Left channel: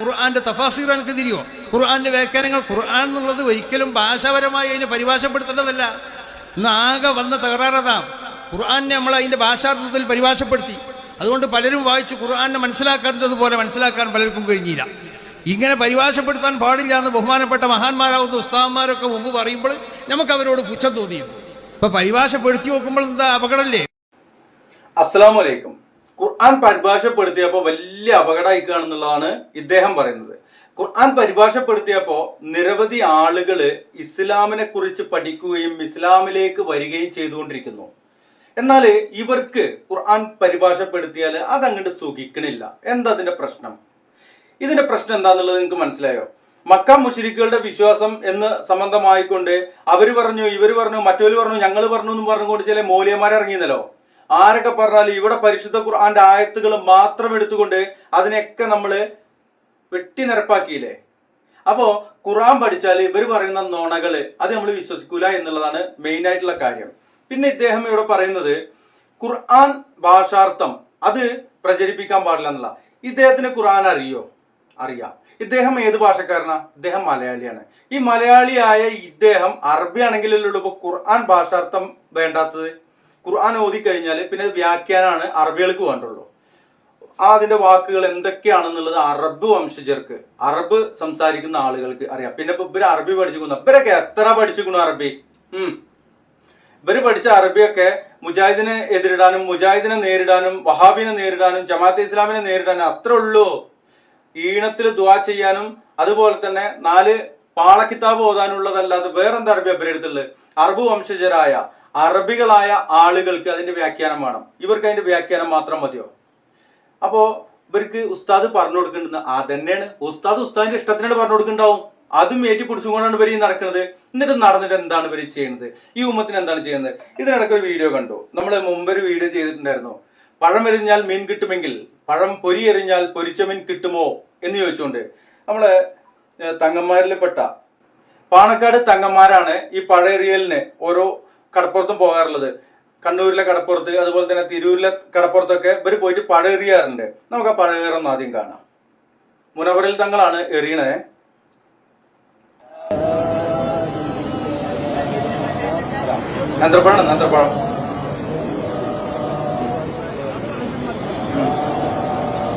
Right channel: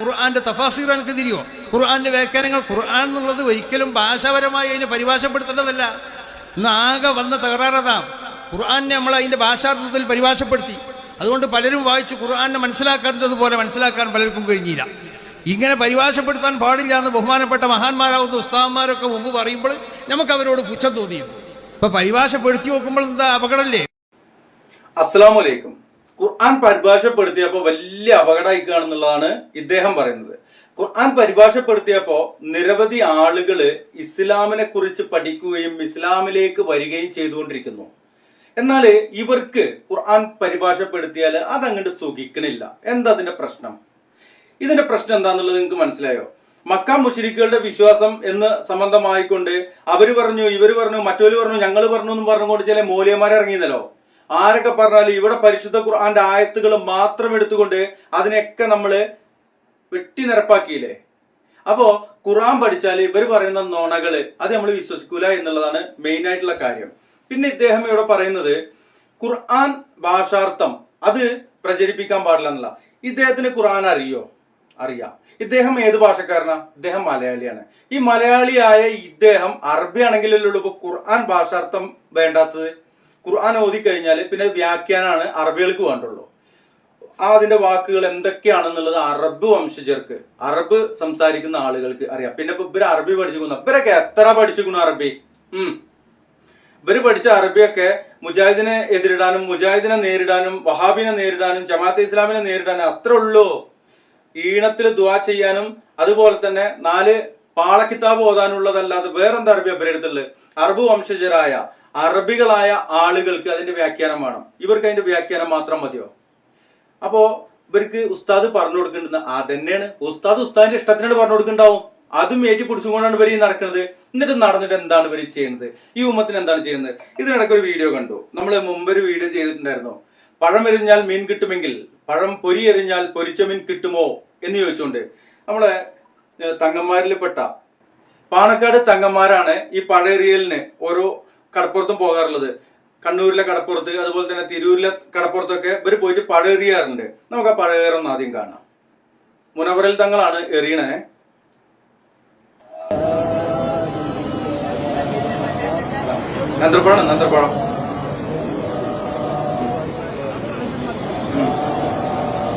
ഖുർആന്റെ തഫാസീർ എനിക്ക് തിരിയോ? ഖുർആന്റെ വ്യാഖ്യാനങ്ങൾ ഖുർആൻ എന്നുള്ളത് ഒരിക്കലും ഭാഷാപരമായി അതിനെ പരിഭാഷപ്പെടുത്തേണ്ടതല്ല. ഇന്ന് ആകെ വന്ന തകരാറതാ. ഖുർആനെ നമ്മൾ അതിന്റെ ഭാഷാർത്ഥത്തിൽ പരിഭാഷപ്പെടുത്തി. അതുകൊണ്ട് പലരും വായിച്ചു ഖുർആനെ മനസ്സിലാക്കേണ്ടതുപോലെ മനസ്സിലാക്കാൻ പലർക്കും കഴിഞ്ഞില്ല. ഇങ്ങനെ പരിഭാഷപ്പെടുത്താൻ പാടില്ല എന്ന് ബഹുമാനപ്പെട്ട മഹാന്മാരാവുന്ന ഉസ്താദന്മാരൊക്കെ മുമ്പ് പറയുമ്പോൾ നമുക്ക് അവരോട് പുച്ഛം തോന്നിയിരുന്നു. ഇപ്പൊ പരിഭാഷപ്പെടുത്തി നോക്കുമ്പോൾ എന്താ അപകടമല്ലേ? അസ്സലാമു അലൈക്കും. ഖുർആൻ പരിഭാഷപ്പെടുത്തിയപ്പോൾ വലിയ അപകടമായിക്കാണെന്നുള്ളതാണ് ഇദ്ദേഹം പറയുന്നത്. ഖുർആൻ പരിഭാഷപ്പെടുത്തിയപ്പോൾ നിരവധി ആളുകൾ ഇസ്ലാമിനെ കുറിച്ച് പഠിക്കുകയും ഇസ്ലാമിലേക്ക് വരികയും ചെയ്തുകൊണ്ടിരിക്കുന്നു. എന്നാൽ ഇവർക്ക് ഖുർആൻ പരിഭാഷപ്പെടുത്തിയാൽ അതങ്ങോട്ട് സുഖിക്കണില്ല. എന്താ അതിന്റെ പ്രശ്നം? ഇതിന്റെ പ്രശ്നം എന്താന്നുള്ളത് നിങ്ങൾക്ക് മനസ്സിലായോ? മക്ക മുശ്രിക്കുകളുടെ വിശ്വാസം എന്ന് സംബന്ധമായിക്കൊണ്ട് അവര് പറഞ്ഞു, ഇവര് പറഞ്ഞു, മറ്റൊരു പറഞ്ഞു, ഞങ്ങൾ പറഞ്ഞു എന്നും പറഞ്ഞുകൊണ്ട് ചില മൗലിയന്മാരെ ഇറങ്ങിയെന്നല്ലോ. ആരൊക്കെ പറഞ്ഞാലും ഇവിടെ പരിശുദ്ധ ഖുർആന്റെ ആയത്തുകൾ മാത്രം എടുത്തുകൊണ്ട് അതിനെയൊക്കെ നമ്മൾ വെട്ടി നിരപ്പാക്കിയില്ലേ? അപ്പോ ഖുർആൻ പഠിച്ചാൽ ഇവർ പറയുന്ന നുണകള് അത് നമ്മൾ വിശ്വസിക്കൂല എന്നുള്ളതാണ് മെയിൻ ആയിട്ടുള്ള കാര്യം. പിന്നെ ഇദ്ദേഹം ഇവിടെ പറയുന്നത് ഖുർആൻ ഭാഷാർത്ഥം അത് പ്രചരിപ്പിക്കാൻ പാടില്ല എന്നുള്ള. ഇദ്ദേഹത്തിന് ഖുർആൻ അറിയാം. ഇദ്ദേഹം ഏത് ഭാഷക്കാരനാ? ഇദ്ദേഹം മലയാളിയാണ്. ഈ മലയാളിയായ ഇദ്ദേഹം അറബി ആണെങ്കിലല്ലേ ഇപ്പൊ ഖുർആൻ ഭാഷാർത്ഥം വേണ്ടാത്തത്? ഖുർആൻ ഓതി കഴിഞ്ഞാൽ പിന്നെ വ്യാഖ്യാനാണ് അറബികൾക്ക് വേണ്ടുള്ളൂ. അതിന്റെ വാക്കുകൾ എന്തൊക്കെയാണെന്നുള്ളത് അറബ് വംശജർക്ക്, അറബ് സംസാരിക്കുന്ന ആളുകൾക്ക് അറിയാം. പിന്നെ ഇപ്പൊ ഇവര് അറബി പഠിച്ചിരിക്കുന്നു. ഇവരൊക്കെ എത്ര പഠിച്ചിരിക്കുന്നു അറബി? ഇവര് പഠിച്ച അറബിയൊക്കെ മുജാഹിദിനെ എതിരിടാനും മുജാഹിദിനെ നേരിടാനും വഹാബിനെ നേരിടാനും ജമാഅത്തെ ഇസ്ലാമിനെ നേരിടാനും അത്രേ ഉള്ളൂ. ഈണത്തിൽ ദുആ ചെയ്യാനും അതുപോലെ തന്നെ 4 പാളക്കിതാബ് ഓതാനുള്ളതല്ലാതെ വേറെന്താ അറബി അവരെടുത്തുള്ളത്? അറബ് വംശജരായ അറബികളായ ആളുകൾക്ക് അതിന്റെ വ്യാഖ്യാനം വേണം. ഇവർക്ക് അതിന്റെ വ്യാഖ്യാനം മാത്രം മതിയോ? അപ്പോ ഇവർക്ക് ഉസ്താദ് പറഞ്ഞു കൊടുക്കേണ്ടത് അതന്നെയാണ്. ഉസ്താദിന്റെ ഇഷ്ടത്തിനാണ് പറഞ്ഞു കൊടുക്കുന്നുണ്ടാവും. അതും ഏറ്റി പിടിച്ചുകൊണ്ടാണ് ഇവർ നടക്കുന്നത്. എന്നിട്ട് നടന്നിട്ട് എന്താണ് ഇവർ ചെയ്യുന്നത്? ഈ ഉമ്മത്തിന് എന്താണ് ചെയ്യുന്നത്? ഇതിനിടയ്ക്ക് ഒരു വീഡിയോ കണ്ടു. നമ്മൾ മുമ്പൊരു വീഡിയോ ചെയ്തിട്ടുണ്ടായിരുന്നു. പഴം എറിഞ്ഞാൽ മീൻ കിട്ടുമെങ്കിൽ പഴം പൊരി എറിഞ്ഞാൽ പൊരിച്ച മീൻ കിട്ടുമോ എന്ന് ചോദിച്ചുകൊണ്ട് നമ്മളെ തങ്ങന്മാരിൽപ്പെട്ട പാണക്കാട് തങ്ങന്മാരാണ് ഈ പഴയെറിയലിന് ഓരോ കടപ്പുറത്തും പോകാറുള്ളത്. കണ്ണൂരിലെ കടപ്പുറത്ത് അതുപോലെ തന്നെ തിരൂരിലെ കടപ്പുറത്തൊക്കെ ഇവർ പോയിട്ട് പഴയെറിയാറുണ്ട്. നമുക്ക് ആ പഴയേറൊന്ന് ആദ്യം കാണാം. മുനവറിൽ തങ്ങളാണ് എറിയണേ. നന്ത്രപ്പഴം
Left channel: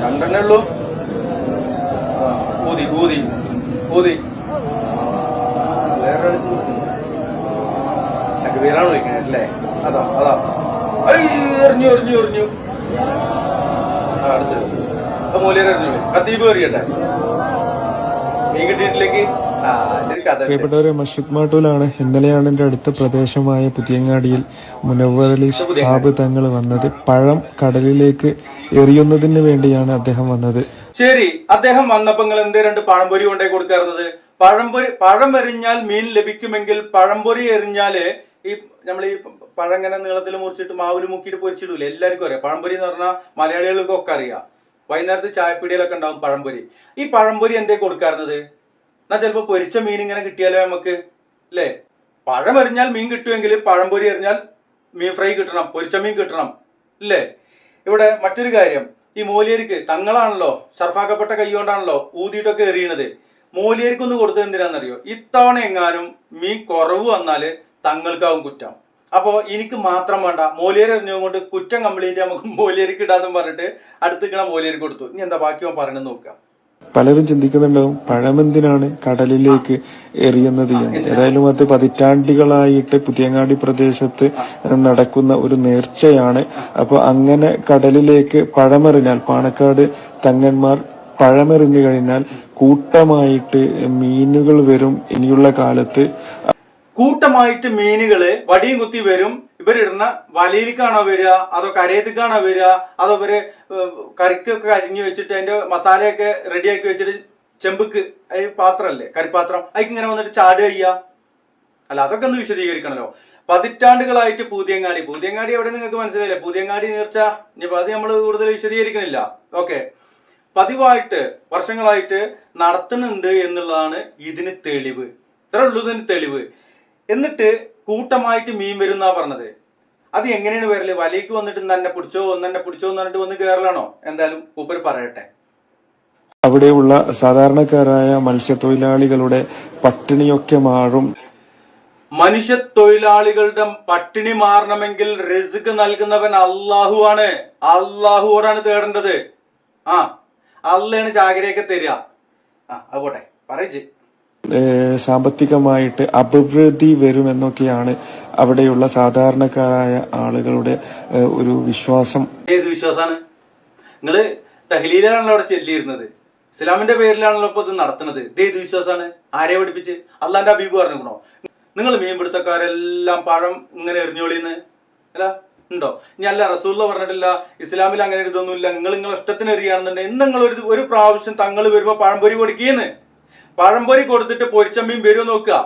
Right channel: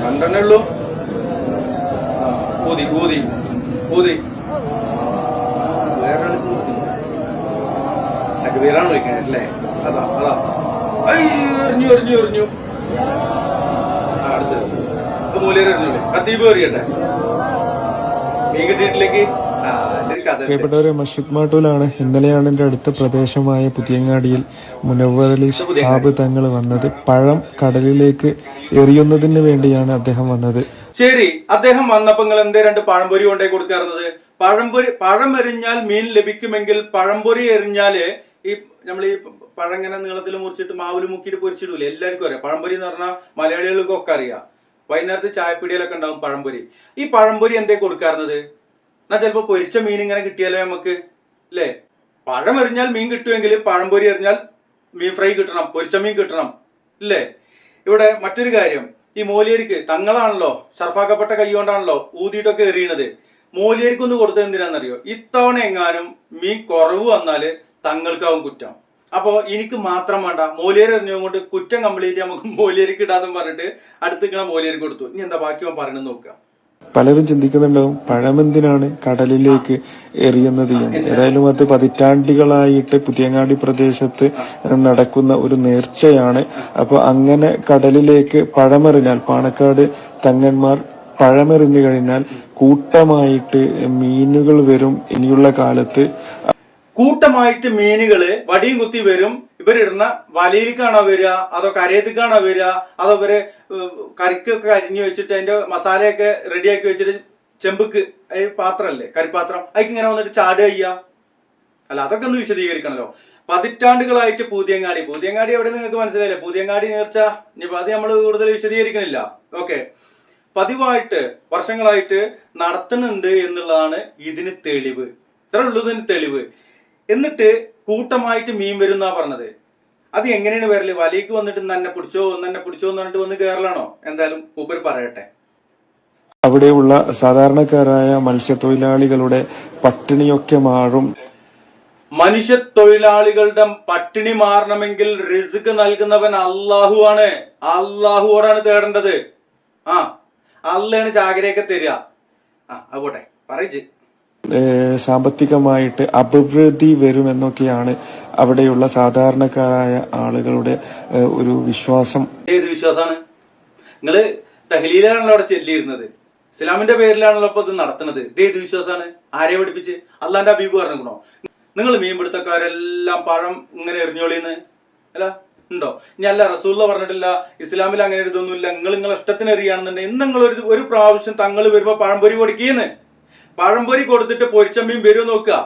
രണ്ടെണ്ണേ ഉള്ളൂ. ഊതി വേറെ പേരാണ് വയ്ക്കുന്നത് അല്ലേ? അതാ എറിഞ്ഞു അടുത്ത് മൂല്യം എറിഞ്ഞു. കത്തീബ് എറിയട്ടെ, മീൻ കിട്ടിയിട്ടിലേക്ക്. പ്രിയപ്പെട്ടവരെ, മഷുക് മാട്ടൂലാണ്. ഇന്നലെയാണ് എന്റെ അടുത്ത പ്രദേശമായ പുതിയങ്ങാടിയിൽ മുനവ്വറലി ശിഹാബ് തങ്ങൾ വന്നത്. പഴം കടലിലേക്ക് എറിയുന്നതിന് വേണ്ടിയാണ് അദ്ദേഹം വന്നത്. ശരി, അദ്ദേഹം വന്നപ്പോ നിങ്ങൾ എന്തേ 2 പഴംപൊരി കൊണ്ടേ കൊടുക്കാറുന്നത്? പഴം എറിഞ്ഞാൽ മീൻ ലഭിക്കുമെങ്കിൽ പഴംപൊരി എറിഞ്ഞാല് ഈ നമ്മൾ ഈ പഴം ഇങ്ങനെ നീളത്തിൽ മുറിച്ചിട്ട് മാവിൽ മുക്കിയിട്ട് പൊരിച്ചിടൂലേ? എല്ലാവർക്കും അറിയാം. പഴംപൊരി എന്ന് പറഞ്ഞാൽ മലയാളികൾക്കൊക്കെ അറിയാം. വൈകുന്നേരത്ത് ചായപ്പീടിയിലൊക്കെ ഉണ്ടാവും പഴംപൊരി. ഈ പഴംപൊരി എന്തേ കൊടുക്കാറുന്നത്? എന്നാ ചിലപ്പോ പൊരിച്ച മീൻ ഇങ്ങനെ കിട്ടിയാലോ നമുക്ക്, അല്ലേ? പഴം എറിഞ്ഞാൽ മീൻ കിട്ടുമെങ്കിൽ പഴംപൊരി എറിഞ്ഞാൽ മീൻ ഫ്രൈ കിട്ടണം, പൊരിച്ച മീൻ കിട്ടണം, ഇല്ലേ? ഇവിടെ മറ്റൊരു കാര്യം, ഈ മോലിയർക്ക് തങ്ങളാണല്ലോ ഷർഫാക്കപ്പെട്ട കൈ കൊണ്ടാണല്ലോ ഊതിയിട്ടൊക്കെ എറിയണത്. മോലിയർക്കൊന്ന് കൊടുത്തത് എന്തിനാണെന്നറിയോ? ഇത്തവണ എങ്ങാനും മീൻ കുറവ് വന്നാല് തങ്ങൾക്കാവും കുറ്റം. അപ്പോ എനിക്ക് മാത്രം വേണ്ട, മോലിയർ എറിഞ്ഞുകൊണ്ട് കുറ്റം കംപ്ലീറ്റ് നമുക്ക് മോലിയർക്ക് ഇടാന്നും പറഞ്ഞിട്ട് അടുത്തിക്കണ മോലിയർക്ക് കൊടുത്തു. ഇനി എന്താ ബാക്കി പറയണെന്ന് നോക്കാം. പലരും ചിന്തിക്കുന്നുണ്ടാവും പഴമെന്തിനാണ് കടലിലേക്ക് എറിയുന്നത് എന്ന്. ഏതായാലും അത് പതിറ്റാണ്ടുകളായിട്ട് പുതിയങ്ങാടി പ്രദേശത്ത് നടക്കുന്ന ഒരു നേർച്ചയാണ്. അപ്പൊ അങ്ങനെ കടലിലേക്ക് പഴമെറിഞ്ഞാൽ, പാണക്കാട് തങ്ങന്മാർ പഴമെറിഞ്ഞു കഴിഞ്ഞാൽ കൂട്ടമായിട്ട് മീനുകൾ വരും. ഇനിയുള്ള കാലത്ത് കൂട്ടമായിട്ട് മീനുകള് വടിയും കുത്തി വരും. ഇവരിടുന്ന വലയിലേക്കാണോ വരിക, അതോ കരയത്തേക്കാണോ വരിക, അതോ ഇവര് കറിക്കൊക്കെ അരിഞ്ഞു വെച്ചിട്ട് അതിന്റെ മസാലയൊക്കെ റെഡിയാക്കി വെച്ചിട്ട് ചെമ്പുക്ക് പാത്രമല്ലേ, കറിപ്പാത്രം, അതിക്ക് ഇങ്ങനെ വന്നിട്ട് ചാടുക ചെയ്യാ? അല്ല, അതൊക്കെ ഒന്ന് വിശദീകരിക്കണല്ലോ. പതിറ്റാണ്ടുകളായിട്ട് പൂതിയങ്ങാടി എവിടെ നിങ്ങൾക്ക് മനസ്സിലായില്ലേ? പൂതിയങ്ങാടി നേർച്ച. ഇനിയിപ്പോ അത് നമ്മൾ കൂടുതൽ വിശദീകരിക്കണില്ല. ഓക്കെ, പതിവായിട്ട് വർഷങ്ങളായിട്ട് നടത്തുന്നുണ്ട് എന്നുള്ളതാണ് ഇതിന് തെളിവ്. ഇത്ര ഉള്ളൂ ഇതിന് തെളിവ്. എന്നിട്ട് കൂട്ടമായിട്ട് മീൻ വരും എന്നാ പറഞ്ഞത്. അത് എങ്ങനെയാണ് വരല്? വലയ്ക്ക് വന്നിട്ട് തന്നെ പിടിച്ചോ എന്ന് പറഞ്ഞിട്ട് വന്ന് കയറലാണോ? എന്തായാലും മൂപ്പര് പറയട്ടെ. അവിടെയുള്ള സാധാരണക്കാരായ മത്സ്യത്തൊഴിലാളികളുടെ പട്ടിണിയൊക്കെ മാറും. മനുഷ്യത്തൊഴിലാളികളുടെ പട്ടിണി മാറണമെങ്കിൽ റിസ്ക് നൽകുന്നവൻ അള്ളാഹു ആണ്. അള്ളാഹുവോടാണ് തേടേണ്ടത്. അള്ളയാണ് ചാകരയൊക്കെ തരിക. അതുപോട്ടെ പറയിച്ച് സാമ്പത്തികമായിട്ട് അഭിവൃദ്ധി വരുമെന്നൊക്കെയാണ് അവിടെയുള്ള സാധാരണക്കാരായ ആളുകളുടെ ഒരു വിശ്വാസം. ഏത് വിശ്വാസമാണ്? നിങ്ങള് തഹ്ലീലാണല്ലോ അവിടെ ചെല്ലിയിരുന്നത്, ഇസ്ലാമിന്റെ പേരിലാണല്ലോ ഇപ്പൊ ഇത് നടത്തുന്നത്. ഇതേത് വിശ്വാസമാണ്? ആരെ പഠിപ്പിച്ച്? അള്ളാന്റെ ഹബീബ് പറഞ്ഞോ നിങ്ങൾ മീൻപിടുത്തക്കാരെല്ലാം പഴം ഇങ്ങനെ എറിഞ്ഞോളിന്ന് അല്ല ഉണ്ടോ? ഇനി അല്ല റസൂലുള്ള പറഞ്ഞിട്ടില്ല, ഇസ്ലാമിൽ അങ്ങനെ ഇതൊന്നുമില്ല, നിങ്ങളെ ഇഷ്ടത്തിന് എറിയാണെന്നുണ്ടെങ്കിൽ ഇന്ന് നിങ്ങൾ ഒരു പ്രാവശ്യം തങ്ങൾ വരുമ്പോ പഴംപൊരി കൊടുക്കുകയെന്ന്. പഴംപൊരി കൊടുത്തിട്ട് പൊരിച്ചമ്മീൻ വരുമോ നോക്കുക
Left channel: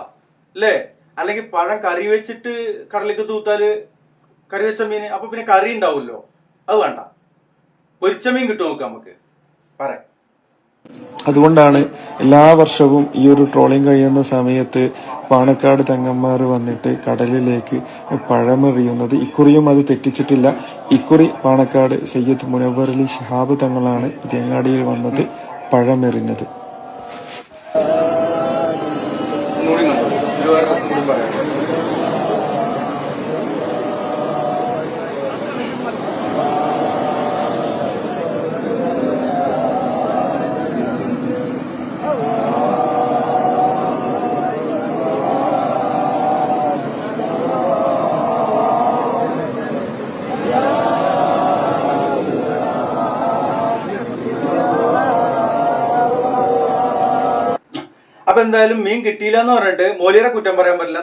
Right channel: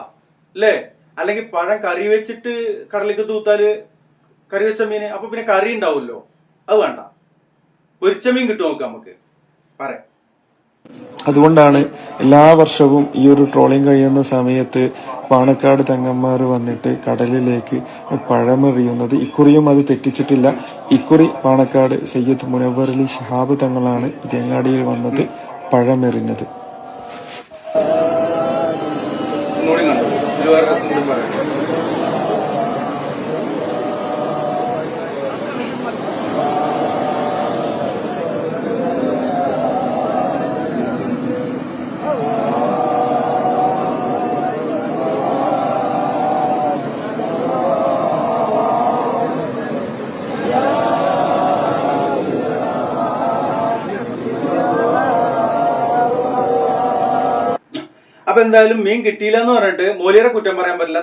അല്ലേ? അല്ലെങ്കിൽ പഴം കറി വെച്ചിട്ട് കടലേക്ക് തൂത്താല് കറി വെച്ച മീൻ, അപ്പൊ പിന്നെ കറി ഉണ്ടാവുമല്ലോ, അത് വേണ്ട, പൊരിച്ചമീൻ കിട്ടും നോക്കാം നമുക്ക് പറയാം. അതുകൊണ്ടാണ് എല്ലാ വർഷവും ഈ ഒരു ട്രോളിംഗ് കഴിയുന്ന സമയത്ത് പാണക്കാട് തങ്ങന്മാർ വന്നിട്ട് കടലിലേക്ക് പഴമെറിയുന്നത്. ഇക്കുറിയും അത് തെറ്റിച്ചിട്ടില്ല. ഇക്കുറി പാണക്കാട് സയ്യിദ് മുനവ്വർ അലി ശിഹാബ് തങ്ങളാണ് പുതിയങ്ങാടിയിൽ വന്നത് പഴമെറിഞ്ഞത്. അപ്പൊ എന്തായാലും മീൻ കിട്ടിയില്ല എന്ന് പറഞ്ഞിട്ട് മോലിയരെ കുറ്റം പറയാൻ പറ്റില്ല.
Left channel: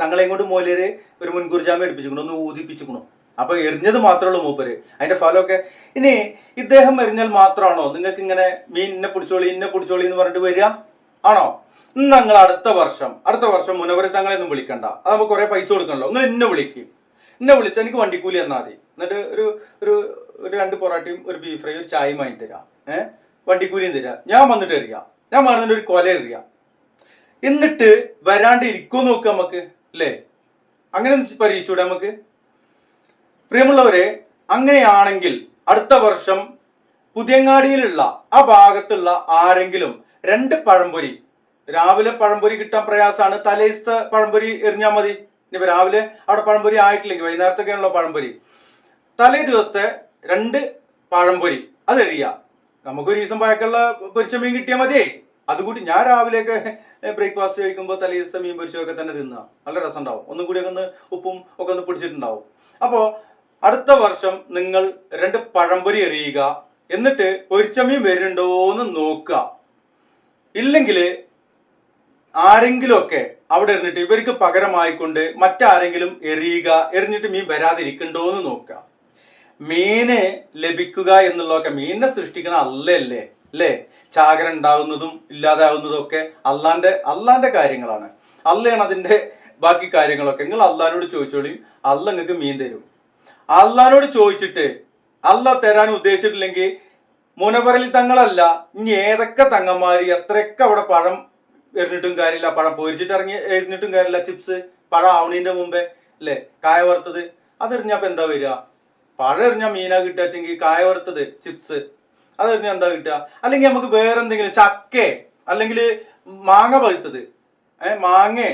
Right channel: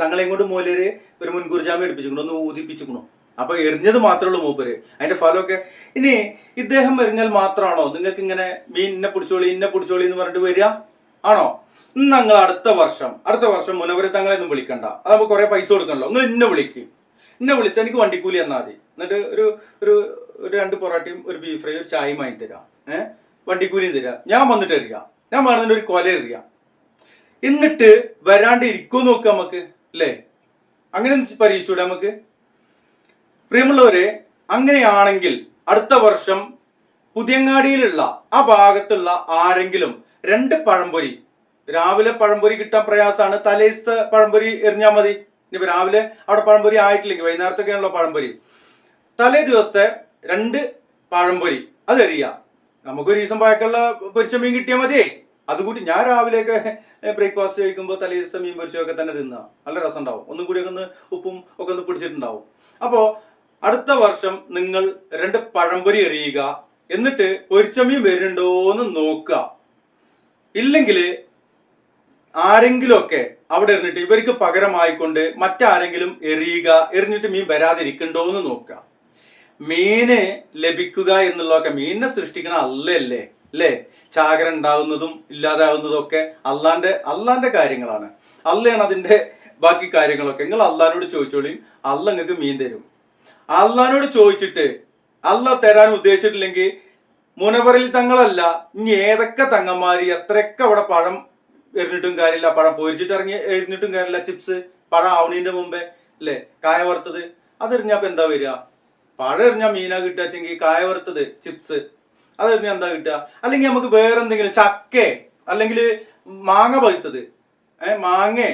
തങ്ങളെയും കൊണ്ട് മോലിയര് ഒരു മുൻകൂർ ജാമ്യം എടുപ്പിച്ചിക്കണു, ഒന്ന് ഊതിപ്പിച്ചിക്കണു. അപ്പൊ എറിഞ്ഞത് മാത്രമേ ഉള്ളൂ മൂപ്പര്. അതിന്റെ ഫലമൊക്കെ ഇനി ഇദ്ദേഹം എറിഞ്ഞാൽ മാത്രമാണോ നിങ്ങൾക്ക് ഇങ്ങനെ മീൻ ഇന്നെ പിടിച്ചോളി എന്ന് പറഞ്ഞിട്ട് വരിക ആണോ? നിങ്ങൾ അടുത്ത വർഷം മുനവര് തങ്ങളെയൊന്നും വിളിക്കണ്ട, അത് നമുക്ക് കുറെ പൈസ കൊടുക്കണല്ലോ. നിങ്ങൾ എന്നെ വിളിച്ചാൽ എനിക്ക് വണ്ടിക്കൂലി എന്നാ മതി. എന്നിട്ട് ഒരു 2 പൊറാട്ടയും ഒരു ബീഫ് ഫ്രൈ ഒരു ചായയും വാങ്ങി തരാം, വണ്ടിക്കൂലിയും തരാം. ഞാൻ വന്നിട്ട് എറിയാം, ഞാൻ വേണമെന്നിട്ട് ഒരു കൊല എറിയാം, എന്നിട്ട് വരാണ്ട് ഇരിക്കോ നോക്കുക നമുക്ക് അല്ലേ? അങ്ങനെ പരീക്ഷിച്ചൂടെ നമുക്ക്? പ്രിയമുള്ളവരെ, അങ്ങനെയാണെങ്കിൽ അടുത്ത വർഷം പുതിയങ്ങാടിയിലുള്ള ആ ഭാഗത്തുള്ള ആരെങ്കിലും 2 പഴംപൊരി, രാവിലെ പഴംപൊരി കിട്ടാൻ പ്രയാസമാണ്, തലേസത്തെ പഴംപൊരി എറിഞ്ഞാൽ മതി. ഇനിയിപ്പോ രാവിലെ അവിടെ പഴംപൊരി ആയിട്ടില്ലെങ്കിൽ വൈകുന്നേരത്തൊക്കെയാണല്ലോ പഴംപൊരി. തലേ ദിവസത്തെ 2 പഴംപൊരി അത് എറിയാ. നമുക്കൊരു ദിവസം പായക്കുള്ള പൊരിച്ച മീൻ കിട്ടിയാൽ മതിയേ. അതുകൂടി ഞാൻ രാവിലെയൊക്കെ ബ്രേക്ക്ഫാസ്റ്റ് കഴിക്കുമ്പോൾ തലേ ദിവസം മീൻ പൊരിച്ചൊക്കെ തന്നെ തിന്നുക, നല്ല രസം ഉണ്ടാവും. ഒന്നും കൂടി ഒന്ന് ഉപ്പും ഒക്കെ ഒന്ന് പിടിച്ചിട്ടുണ്ടാവും. അപ്പോ അടുത്ത വർഷം നിങ്ങൾ 2 പഴംപൊരി എറിയുക, എന്നിട്ട് പൊരിച്ച മീൻ വരുന്നുണ്ടോന്ന് നോക്കുക. ഇല്ലെങ്കിൽ ആരെങ്കിലും ഒക്കെ അവിടെ എറിഞ്ഞിട്ട് ഇവർക്ക് പകരമായിക്കൊണ്ട് മറ്റാരെങ്കിലും എറിഞ്ഞിട്ട് മീൻ വരാതിരിക്കണ്ടോന്ന് നോക്കുക. മീന് ലഭിക്കുക എന്നുള്ളതൊക്കെ മീനിനെ സൃഷ്ടിക്കണ അല്ലേ? ചാകര ഉണ്ടാകുന്നതും ഇല്ലാതാകുന്നതും ഒക്കെ അള്ളാന്റെ കാര്യങ്ങളാണ്. അള്ളയാണ് അതിന്റെ ബാക്കി കാര്യങ്ങളൊക്കെ. നിങ്ങൾ അള്ളഹാനോട് ചോദിച്ചോളി, അള്ള നിങ്ങൾക്ക് മീൻ തരും. അള്ളഹാനോട് ചോദിച്ചിട്ട് അള്ള തരാൻ ഉദ്ദേശിച്ചിട്ടില്ലെങ്കിൽ മുനവറിൽ തങ്ങളല്ല, ഇനി ഏതൊക്കെ തങ്ങന്മാര് എത്രയൊക്കെ അവിടെ പഴം എറിഞ്ഞിട്ടും കാര്യമില്ല, പഴം പൊരിച്ചിട്ട് എറിഞ്ഞിട്ടും കാര്യമില്ല, ചിപ്സ് പഴം ആവണീന്റെ മുമ്പേ അല്ലേ കായ വറുത്തത് അതെറിഞ്ഞപ്പോ എന്താ വരിക? പഴം എറിഞ്ഞാൽ മീനാ കിട്ടുകയെങ്കിൽ കായ വറുത്തത് ചിപ്സ് അതെറിഞ്ഞാൽ എന്താ കിട്ടുക? അല്ലെങ്കിൽ നമുക്ക് വേറെ എന്തെങ്കിലും ചക്കേ അല്ലെങ്കിൽ മാങ്ങ പഴുത്തത്, മാങ്ങേ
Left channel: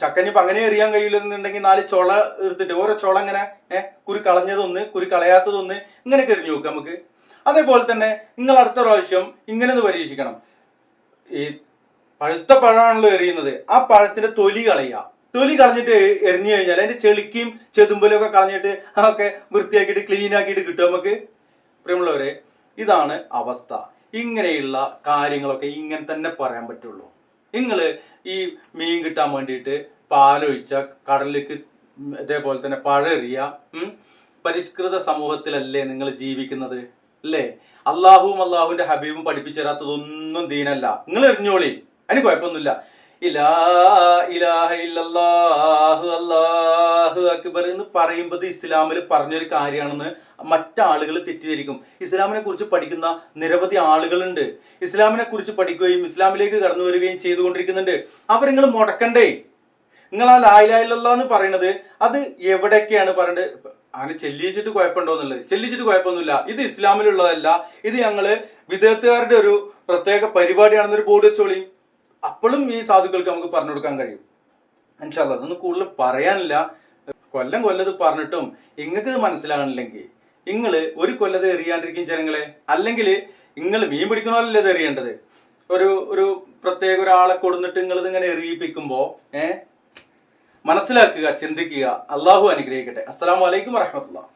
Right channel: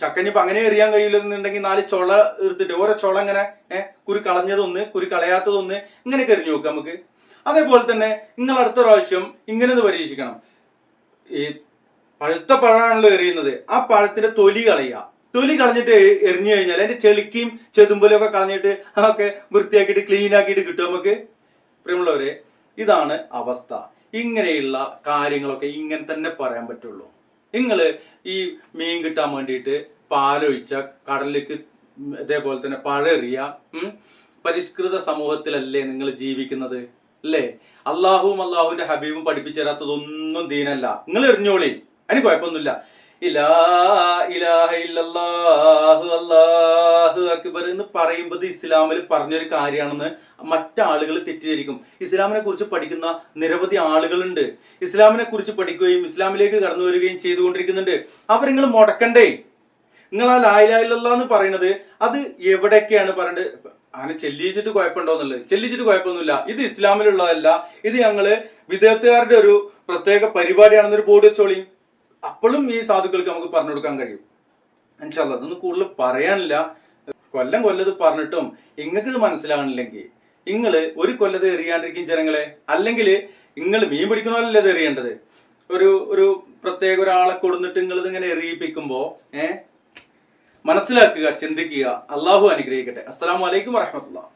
ചക്കനിപ്പോ അങ്ങനെ എറിയാൻ കഴിയില്ലെന്നുണ്ടെങ്കിൽ 4 ചുള എടുത്തിട്ട് ഓരോ ചുള ഇങ്ങനെ കുരി കളഞ്ഞതൊന്ന് കുരി കളയാത്തതൊന്ന് ഇങ്ങനെയൊക്കെ എറിഞ്ഞു നോക്കുക നമുക്ക്. അതേപോലെ തന്നെ നിങ്ങൾ അടുത്ത പ്രാവശ്യം ഇങ്ങനെ ഒന്ന് പരീക്ഷിക്കണം. ഈ പഴുത്ത പഴമാണല്ലോ എറിയുന്നത്, ആ പഴത്തിന്റെ തൊലി കളഞ്ഞിട്ട് എറിഞ്ഞു കഴിഞ്ഞാൽ അതിന്റെ ചെളിക്കും ചെതുമ്പലും ഒക്കെ കളഞ്ഞിട്ട് അതൊക്കെ വൃത്തിയാക്കിയിട്ട് ക്ലീൻ ആക്കിയിട്ട് കിട്ടും നമുക്ക്. പ്രിയമുള്ളവരെ, ഇതാണ് അവസ്ഥ. ഇങ്ങനെയുള്ള കാര്യങ്ങളൊക്കെ ഇങ്ങനെ തന്നെ പറയാൻ പറ്റുള്ളൂ. നിങ്ങൾ ഈ മീൻ കിട്ടാൻ വേണ്ടിയിട്ട് പാലൊഴിച്ച കടലിലേക്ക് ഇതേപോലെ തന്നെ പഴെറിയ പരിഷ്കൃത സമൂഹത്തിലല്ലേ നിങ്ങൾ ജീവിക്കുന്നത് അല്ലേ? അള്ളാഹുവിന്റെ ഹബീബും പഠിപ്പിച്ചു തരാത്തതൊന്നും ദീനല്ല. നിങ്ങൾ എറിഞ്ഞോളി, അതിന് കുഴപ്പമൊന്നുമില്ല. അല്ലാഹു അക്ബർ എന്ന് പറയുമ്പോൾ ഇസ്ലാമിൽ പറഞ്ഞൊരു കാര്യമാണെന്ന് മറ്റാളുകൾ തെറ്റിദ്ധരിക്കും. ഇസ്ലാമിനെ കുറിച്ച് പഠിക്കുന്ന നിരവധി ആളുകളുണ്ട്, ഇസ്ലാമിനെ കുറിച്ച് പഠിക്കുകയും ഇസ്ലാമിലേക്ക് കടന്നു വരികയും ചെയ്തുകൊണ്ടിരിക്കുന്നുണ്ട്. അവരിങ്ങൾ മുടക്കണ്ടേ? നിങ്ങൾ ആ ലാ ഇലാഹ ഇല്ലല്ലാഹ് എന്ന് പറയുന്നത് അത് എവിടെയൊക്കെയാണ് പറയേണ്ടത്? അങ്ങനെ ചെല്ലിച്ചിട്ട് കുഴപ്പമുണ്ടോന്നുള്ളത്, ചെല്ലിച്ചിട്ട് കുഴപ്പമൊന്നുമില്ല. ഇത് ഇസ്ലാമിലുള്ളതല്ല, ഇത് ഞങ്ങള് വിദേഹത്തുകാരുടെ ഒരു പ്രത്യേക പരിപാടിയാണെന്നൊരു ബോർഡ് വെച്ചോളി. അപ്പോഴും ഈ സാധുക്കൾക്ക് നമുക്ക് പറഞ്ഞു കൊടുക്കാൻ കഴിയും. ഇൻഷാ അല്ലാഹ്. അതൊന്നും കൂടുതൽ പറയാനില്ല. കൊല്ലത് പറഞ്ഞിട്ടും നിങ്ങൾക്ക് ഇത് മനസ്സിലാകണില്ലെങ്കിൽ നിങ്ങള് ഒരു കൊല്ലത് എറിയാണ്ടിരിക്കും ജനങ്ങളെ. അല്ലെങ്കിൽ നിങ്ങൾ മീൻ പിടിക്കണമല്ലേ ഇത് എറിയേണ്ടത്. ഒരു പ്രത്യേക ഒരാളെ കൊടുത്തിട്ട് നിങ്ങൾ ഇതിങ്ങനെ എറിയിപ്പിക്കുമ്പോ മനസ്സിലാക്കുക, ചിന്തിക്കുക. അള്ളാഹു അനുഗ്രഹിക്കട്ടെ. അസ്സലാമു അലൈക്കും വറഹ്മത്തുള്ളാഹി.